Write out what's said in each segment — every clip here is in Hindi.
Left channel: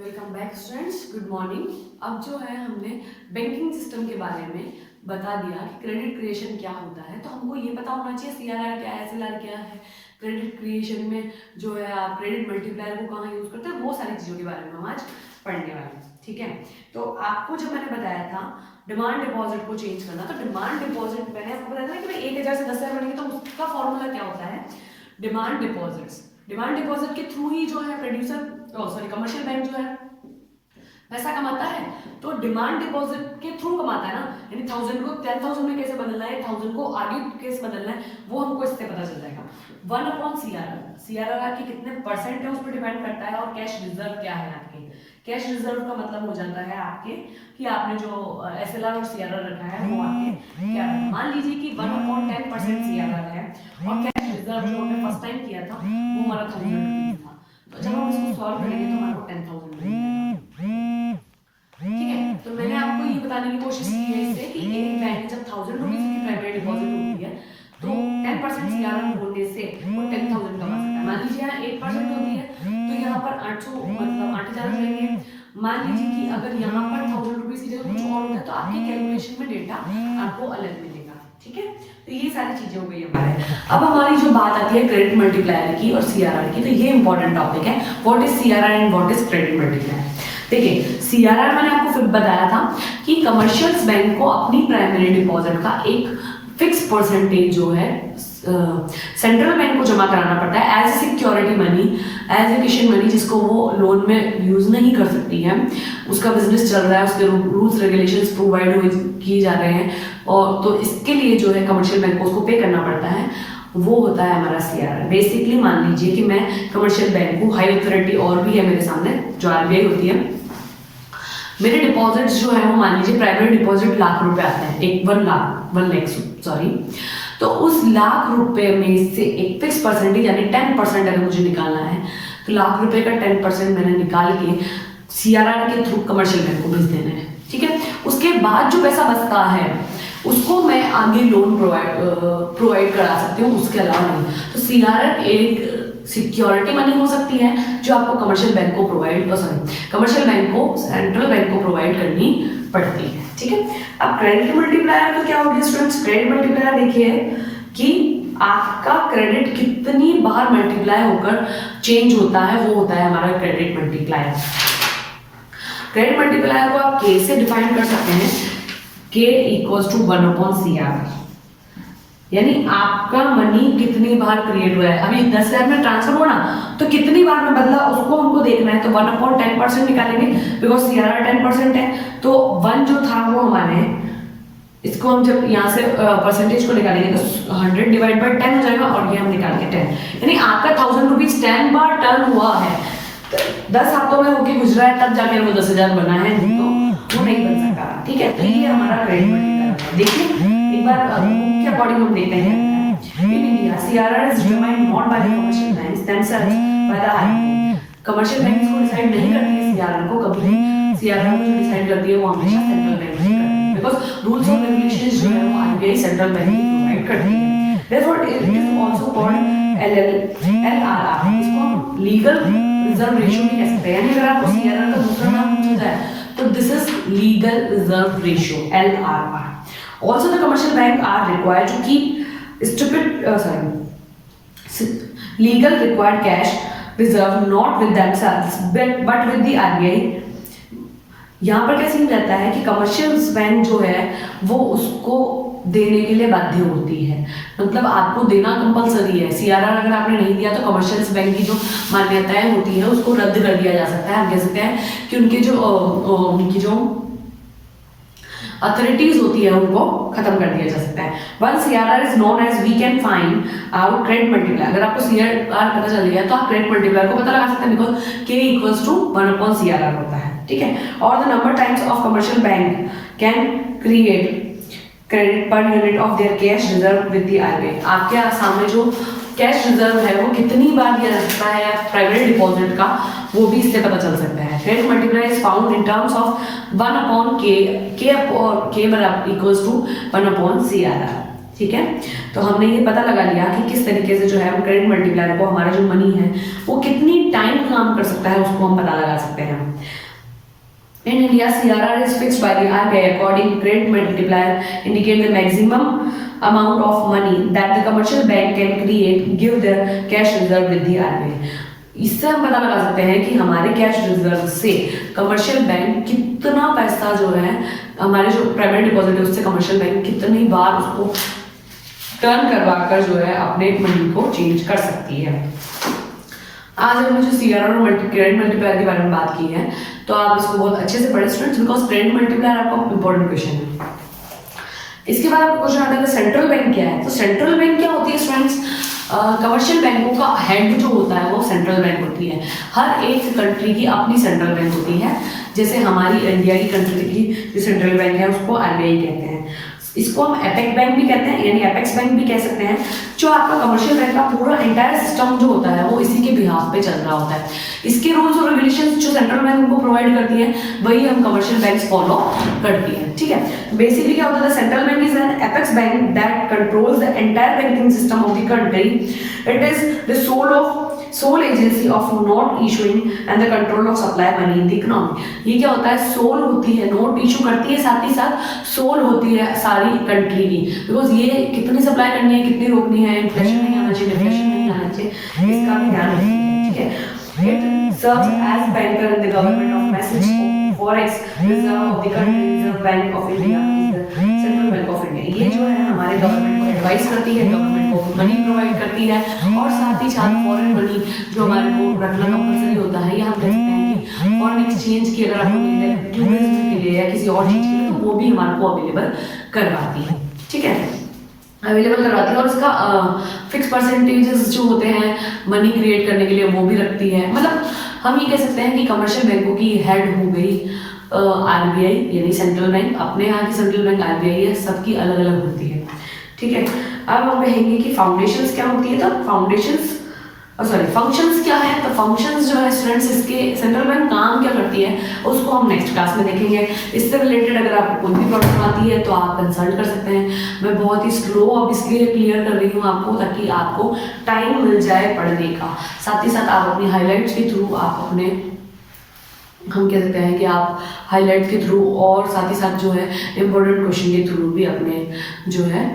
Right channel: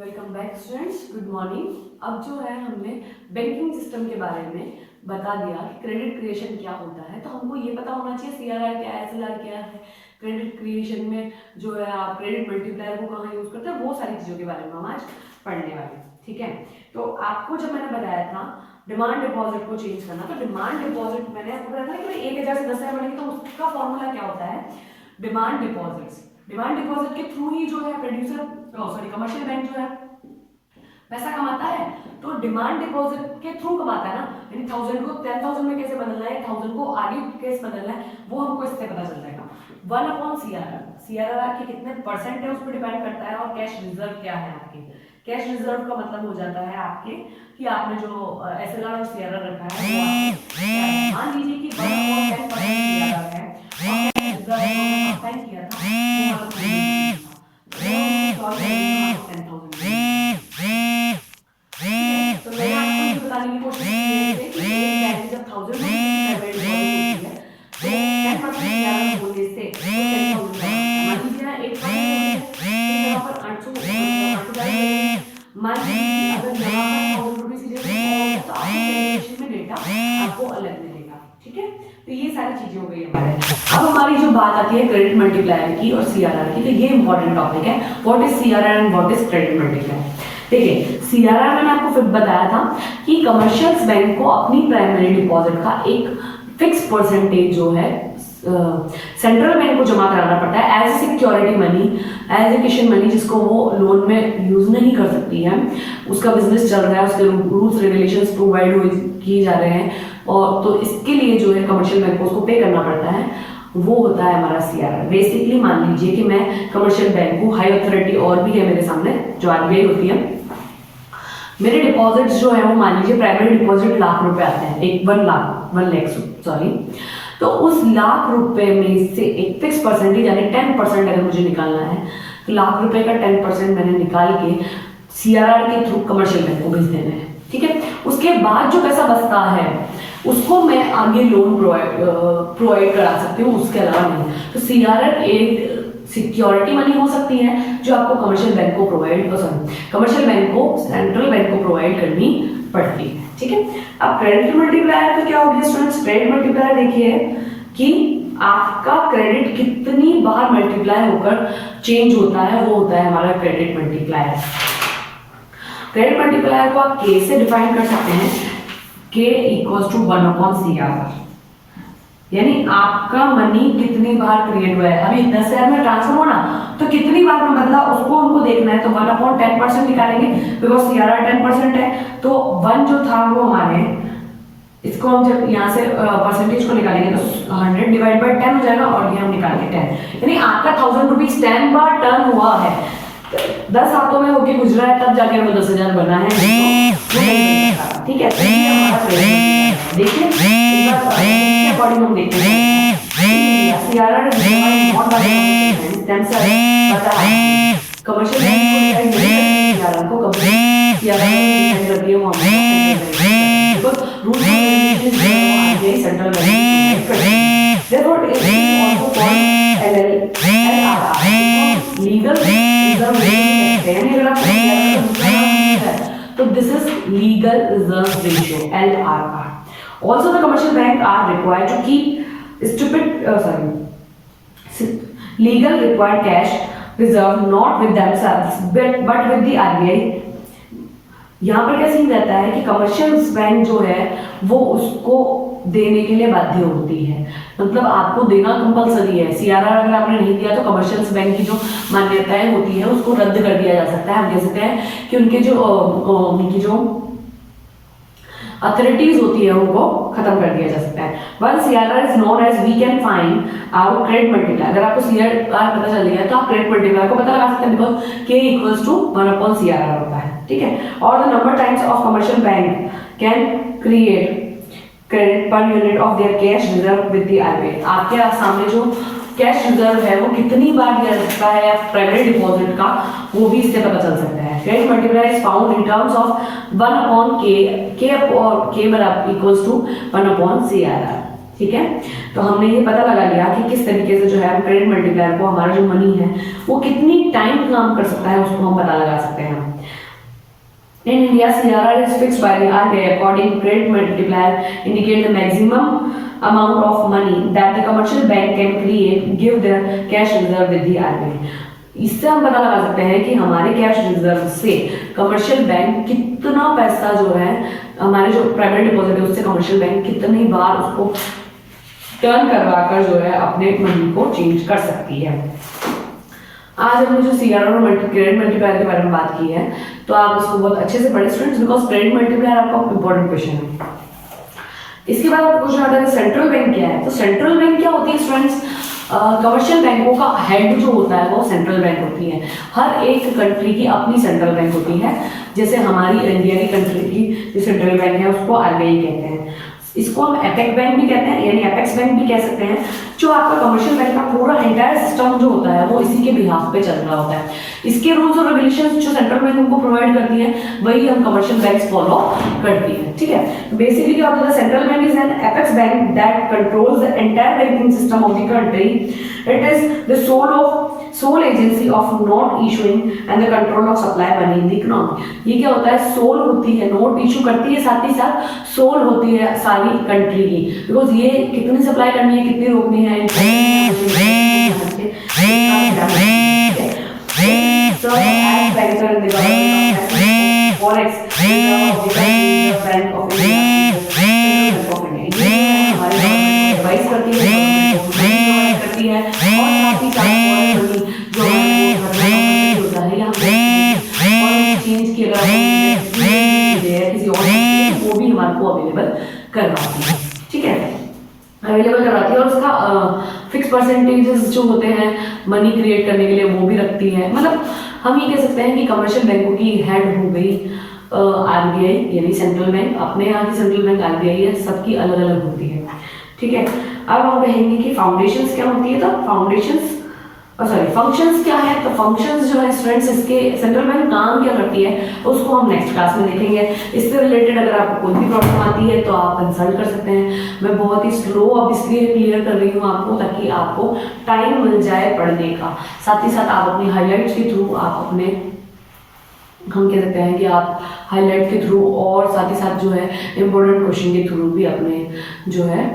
Welcome back students, good morning. अब जो है हमने बैंकिंग सिस्टम के बारे में बता दिया कि क्रेडिट क्रिएशन क्या होता है। तो हमको ये पता होना चाहिए सीआरआर क्या है, एसएलआर क्या है, क्रेडिट क्रिएशन में जो है आप क्रेडिट मल्टीप्लायर को कहाँ यूज करते हैं, वो सारी चीज़ों के बारे में हम आज पढ़ने वाले हैं। ठीक है, तो आपको जब मैंने बताया था डिमांड डिपॉजिट को चेंज करना, तो डिमांड डिपॉजिट मैंने आपको बताया था कि 1000 से 10,000 बनेगी, तो उसका फॉर्मूला क्या होता है, डिमांड डिपॉजिट्स। डिमांड डिपॉजिट के थ्रू ही जो है प्रोड्यूसर कमर्शियल बैंक जो है पैसा कमाता है। तो डिमांड डिपॉजिट के थ्रू कमाता है ना, यानी 1000 को 10,000 में कैसे बदलना है, 1000 को आगे कैसे बदलना है, वो हमको इससे पता चल जाएगा। 1/CRR, सीआरआर आपके कितने परसेंट है उस पर डिपेंड करता है। और कैश रिजर्व क्या है आपके, कैश रिजर्व का मतलब हो जाता है आपके कि आपने जो एसएलआर और सीआरआर रखा है वो आपके क्या है। मान लीजिए कि 1/10% सीआरआर है और कैश रिजर्व जो हमने फर्स्ट टाइम किया था वो हमारा 10,000 था। तो हम इसको सॉल्व करेंगे तो हमारा 10,000 तो मैंने आपको ये बताने की कोशिश की है कि एक बैंक जब 1000 रुपये की प्राइवेट डिपॉजिट होती है तो 10% सीआरआर होने से वो 10,000 का मान लीजिए यहाँ 8,000 होती है तो यहाँ पर 8,000 मान लीजिए अगर यहाँ पर 1000 रुपीज की जगह कुछ और होता तो आपकी कैलकुलेशन में डेटा आपको अलग मिलेगा। ठीक है, तो ये सारी चीजें हो गई हमारे। अब हमारी जो बात आती है क्रेडिट मल्टीप्लायर की और सीआरआर की, तो ये इंपॉर्टेंट टॉपिक है। What is CRR and what is credit multiplier. देखिए, सीआरआर मैंने आपको फिर बताया था कि कमर्शियल बैंक को अपनी प्राइमरी डिपॉजिट का एक फिक्स परसेंटेज जो है सेंट्रल बैंक को जमा कराना पड़ता है as a security money, as a cushion money, जिसको वो लोन में यूज नहीं कर सकती है। उसका बिजनेस चल रहा है, उसके रूल्स रेगुलेशंस प्रोवाइड किए जा रहे हैं, और तो इसके लिए जो है कमर्शियल बैंक को उसको पे करना पड़ता है। वो होता है हमारा सीआरआर। बेसिकली मान लीजिए कि मैं कमर्शियल बैंक हूँ, हाई अथॉरिटी और भी है मेरे सामने जो आरबीआई होती है। मेरे डिपॉजिट्स जो है वो मान लीजिए प्राइवेट डिपॉजिट लाख रुपए आते हैं, एक 1 लाख सॉरी। तो उस लाख रुपए में से एक फिक्स परसेंटेज यानी 10% अगर मुझे निकालना है तो लाख रुपए का 10% मैंने निकाल के सीआरआर के थ्रू कमर्शियल बैंक को भेज देना है। ठीक है, उसके बाद जो पैसा बचता है उसको मैं आगे लोन प्रोवाइड करा सकती हूँ, उसके अलावा नहीं। तो सीआरआर एक सिक्योरिटी मनी हो सकती है जो आपको कमर्शियल बैंक को कमर्शियल बैंक को सेंट्रल बैंक को प्रोवाइड करनी पड़ती है। ठीक है, अब क्रेडिट मल्टीप्लायर का क्या हो गया स्टूडेंट्स। क्रेडिट मल्टीप्लायर देखिए कि आपका क्रेडिट कितनी बार मल्टीप्लाई होकर चेंज होता है, वो होता है हमारा क्रेडिट मल्टीप्लायर। क्रेडिट मल्टीप्लायर को आप के से डिफाइन कर सकते हैं, K = 1/CRR, यानी आपका मनी कितनी बार क्रिएट हुआ है। अभी 10,000 में ट्रांसफर हुआ ना, तो कितनी बार में बदला उसको हमको देखना है। तो 1/10% निकालेंगे बिकॉज सीआरआर 10% है, तो 1 जो था वो हमारे, इसको हम जब यहाँ से परसेंटेज को निकालेंगे तो 100/10 हो जाएगा, और ये हम निकाल के 10, यानी आपका 1000 रुपीज 10 बार टर्न हुआ है, 10 हाथों में होके गुजरा है, तब जाके वो 10,000 बना है। ठीक है, तो ये हमारा क्रेडिट। देखिए एक बार इसके अकॉर्डिंग हम देखते हैं CRR is defined not bye commercial banks themselves by the commercial bank को डिफाइन नहीं करती सीआरआर को, कभी सीआरआर को डिफाइन करती है वो हमारा central bank, because rules and regulations जो है वो आगे सेंट्रल बैंक करती है। Therefore it is also called LRR, legal reserve ratio कहते हैं। अगर आप सीआरआर का दूसरा नाम है तो this is legal reserve ratio, LRR. Also the commercial bank are required to keep legal required cash reserve not with themselves but with the RBI. यहाँ पर क्या सीन रहता है कि कमर्शियल बैंक जो है वो उसको देने के लिए बाध्य होती है, मतलब आपको देना कंपलसरी है। सीआरआर अगर आपने नहीं दिया तो कमर्शियल बैंक की जो मान्यताएं होती है उसको रद्द कर दिया जा सकता है। हम कह सकते हैं कि उनकी जो अथॉरिटीज होती है उनको खत्म कर दिया जा सकता है। One CRR is known as we can find our credit multiplier. अगर आपको सीआरआर पता चल गया तो आप क्रेडिट मल्टीप्लायर को पता लगा सकते हैं, बिकॉज K = 1/CRR होता है। ठीक है, और the number times of commercial bank can create credit per unit of their cash reserve with the RBI। आपके सामने जो कैश रिजर्व है वो कितनी बार दिया जा सकता है प्राइवेट डिपॉजिट का, वो भी इससे पता चल सकता है। Credit multiplier is found in terms of 1/K = 1/CRR। ठीक है। तो हमने ये पता लगा लिया कि किस तरीके से जो है हम क्रेडिट मल्टीप्लायर को, हमारा जो मनी है वो कितनी टाइम काम कर सकता है उसको हम पता लगा सकते हैं। In India, CRR is fixed by the RBI. According credit multiplier indicate the maximum amount of money that the commercial bank can create, give the cash reserve with the RBI. इससे हम पता लगा सकते हैं कि हमारे कैश रिजर्व से कमर्शियल बैंक कितना पैसा जो है, हमारे जो प्राइमरी डिपॉजिट है उससे कमर्शियल बैंक कितनी बार उसको टर्न करवाकर जो है अपने मनी को चेंज कर सकती है। आज हमने जो सीआरआर और क्रेडिट मल्टीप्लायर के बारे में बात की है, तो आप इसको बहुत अच्छे से पढ़े स्टूडेंट्स, बिकॉज क्रेडिट मल्टीप्लायर आपका इंपॉर्टेंट क्वेश्चन है। इसके बाद आपको क्वेश्चन आता है सेंट्रल बैंक क्या है। तो सेंट्रल बैंक क्या होती है स्टूडेंट्स, कमर्शियल बैंकों का हेड जो होता है वो सेंट्रल बैंक होती है। हर एक कंट्री की अपनी सेंट्रल बैंक होती है। जैसे हमारी इंडिया की कंट्री की जो सेंट्रल बैंक है उसको आरबीआई कहते हैं। इसको हम एपेक्स बैंक भी कहते हैं, यानी एपेक्स बैंक भी कह सकते हैं। जो आपका कमर्शियल बैंक का पूरा एंटायर सिस्टम जो होता है वो इसी के बिहाफ पे चल रहा होता है। इसके रूल्स और रेगुलेशंस जो सेंट्रल बैंक हमको प्रोवाइड करती है वही हम कमर्शियल बैंक्स फॉलो करती हैं, ठीक है। बेसिकली क्या होता है, central bank is an apex bank that controls the entire banking system of the country. It is the sole agency of note issuing and the control of supply money in the economy। ये क्या होता है, सोल होती है, नोट इशू करती है, साथ ही साथ सोल होती है सारी कंट्री की, बिकॉज ये कितनी सप्लाई करनी है, कितनी रोकनी है, करती है और साथ ही साथ जो होता है या और चेंज की अगर किसी और वो भी हमारे को अवेलेबल करवाती है, ठीक है, अवेलेबल करवाती है। और उसका फिक्स परसेंटेजेस जो होते हैं मनी क्रिएट करने के लिए वो भी रखती है। मतलब हम ये कह सकते हैं कि कमर्शियल बैंकों की हेड हो गई आरबीआई, यानी सेंट्रल बैंक। अपने यहाँ की सेंट्रल बैंक आरबीआई है, सबकी अलग अलग होती है, ठीक है। अब हम कहेंगे कि फाउंडेशंस क्या होती है। तो फंक्शंस क्या है। तो फंक्शंस जो है स्टूडेंट्स, इसके सेंट्रल बैंक काम क्या करती है उसको हम नेक्स्ट क्लास में देखेंगे। इससे रिलेटेड अगर आपको कोई भी प्रॉब्लम आती है तो आप कंसल्ट कर सकते हैं। मैं बहुत ही स्लो अब इसलिए क्लियर कर रही हूँ आपको, ताकि आपको टाइम मिल जाए पढ़ने का। साथ ही साथ आप अपनी हाईलाइट्स के थ्रू आप अपने, हम कह सकते हैं कि आप हाईलाइट के थ्रू और साथ ही साथ जो है इम्पोर्टेंट क्वेश्चन के थ्रू भी अपने जो है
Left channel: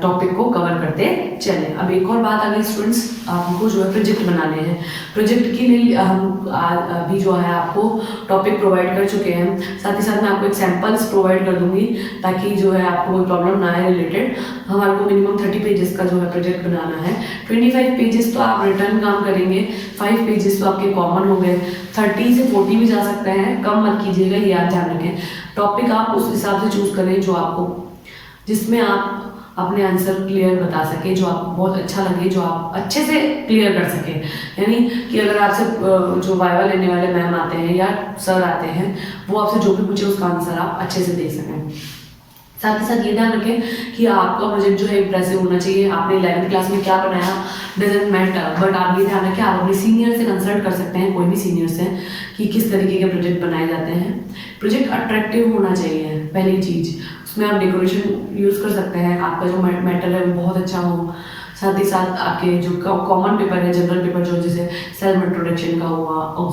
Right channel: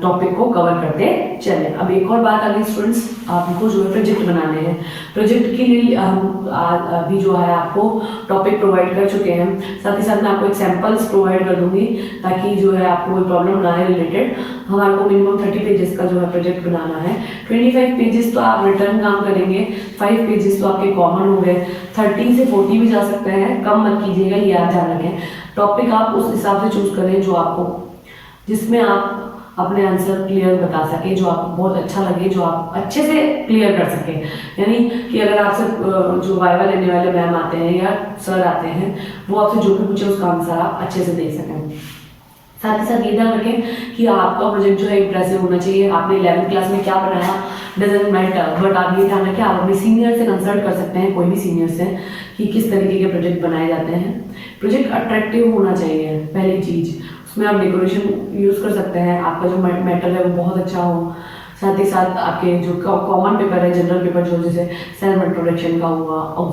टॉपिक को कवर करते चले। अब एक और बात आ गई स्टूडेंट्स, आपको जो है प्रोजेक्ट बनाने हैं। प्रोजेक्ट के लिए हम अभी जो है आपको टॉपिक प्रोवाइड कर चुके हैं। साथ ही साथ मैं आपको एग्जांपल्स प्रोवाइड कर दूंगी ताकि जो है आपको कोई प्रॉब्लम ना आए रिलेटेड। हमारे को मिनिमम 30 पेजेस का जो है प्रोजेक्ट बनाना है। 25 पेजेस तो आप रिटर्न काम करेंगे, 5 पेजेस तो आपके कॉमन हो गए, 30 से 40 भी जा सकते हैं, कम मत कीजिएगा, ये आप ध्यान रखें। टॉपिक आप उस हिसाब से चूज करें जो आपको, जिसमें आप अपने आंसर क्लियर बता सके, जो आपको बहुत अच्छा लगे, जो आप अच्छे से क्लियर कर सके। यानी कि अगर आपसे जो वाइवा लेने वाले मैम आते हैं या सर आते हैं, वो आपसे जो भी पूछे उसका आंसर आप अच्छे से दे सकें। साथ ही साथ ये ध्यान रखें कि आपका प्रोजेक्ट जो है इंप्रेसिव होना चाहिए। आपने 11वीं क्लास में क्या बनाया डजंट मैटर, बट आप ये ध्यान रखें आप अपने सीनियर से कंसल्ट कर सकते हैं, कोई भी सीनियर से, कि किस तरीके के प्रोजेक्ट बनाए जाते हैं। प्रोजेक्ट अट्रैक्टिव होना चाहिए, पहली चीज़। उसमें आप डेकोरेशन यूज़ कर सकते हैं, आपका जो मैटर है वो बहुत अच्छा हो। साथ ही साथ आपके जो कॉमन पेपर है, जनरल पेपर, जो जैसे सेल्फ इंट्रोडक्शन का हुआ,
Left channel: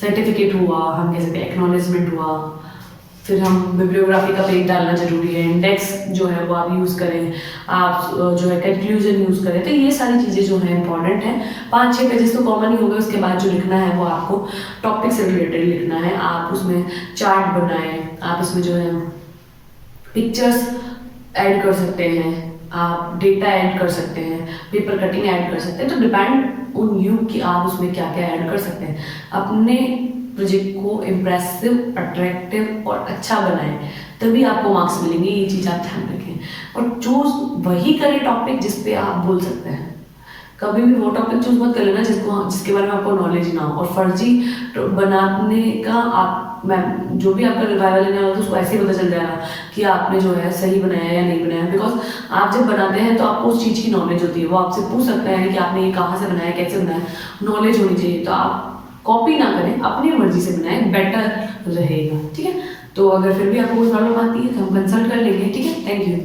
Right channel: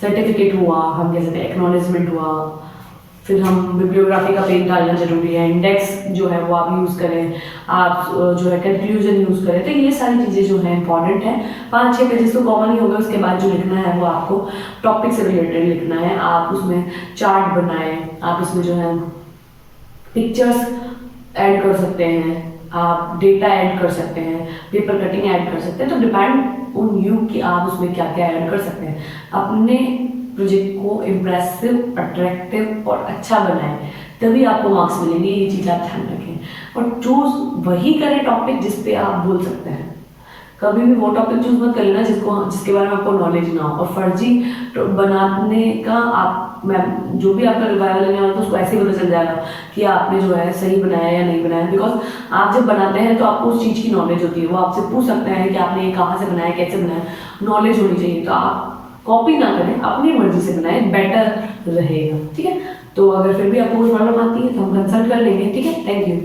सर्टिफिकेट हुआ, हम कह सकते हैं एक्नॉलेजमेंट हुआ, फिर हम बिब्लियोग्राफी का पेज डालना जरूरी है, इंडेक्स जो है वो आप यूज़ करें, आप जो है कंक्लूजन यूज़ करें। तो ये सारी चीज़ें जो है इंपॉर्टेंट है। 5-6 पेजेस तो कॉमन ही होगा। उसके बाद जो लिखना है वो आपको टॉपिक से रिलेटेड लिखना है। आप उसमें चार्ट बनाएं, आप इसमें जो है पिक्चर्स ऐड कर सकते हैं, आप डेटा ऐड कर सकते हैं, पेपर कटिंग ऐड कर सकते हैं। तो डिपेंड ऑन यू कि आप उसमें क्या क्या ऐड कर सकते हैं। अपने प्रोजेक्ट को इम्प्रेसिव, अट्रैक्टिव और अच्छा बनाएं, तभी आपको मार्क्स मिलेंगे। ये चीज़ आप ध्यान रखें और चूज वही करें टॉपिक जिस पे आप बोल सकते हैं। कभी भी वो टॉपिक चूज मत कर लेना जिसके बारे में आपको नॉलेज ना हो। और फर्जी बनाने का आप जो भी आपका रिवाइवल लेने वाला था उसको ऐसे ही पता चल जाएगा कि आपने जो है सही बनाया या नहीं बनाया। बिकॉज आप जब बनाते हैं तो आपको उस चीज़ की नॉलेज होती है, वो आपसे पूछ सकते हैं कि आपने ये कहाँ से बनाया, कैसे बनाया, नॉलेज होनी चाहिए। तो आप कॉपी ना करें, अपनी मर्जी से बनाएं, बेटर रहेगा, ठीक है। तो अगर फिर भी आपको कोई प्रॉब्लम आती है तो हम कंसल्ट कर लेंगे, ठीक है। Thank you.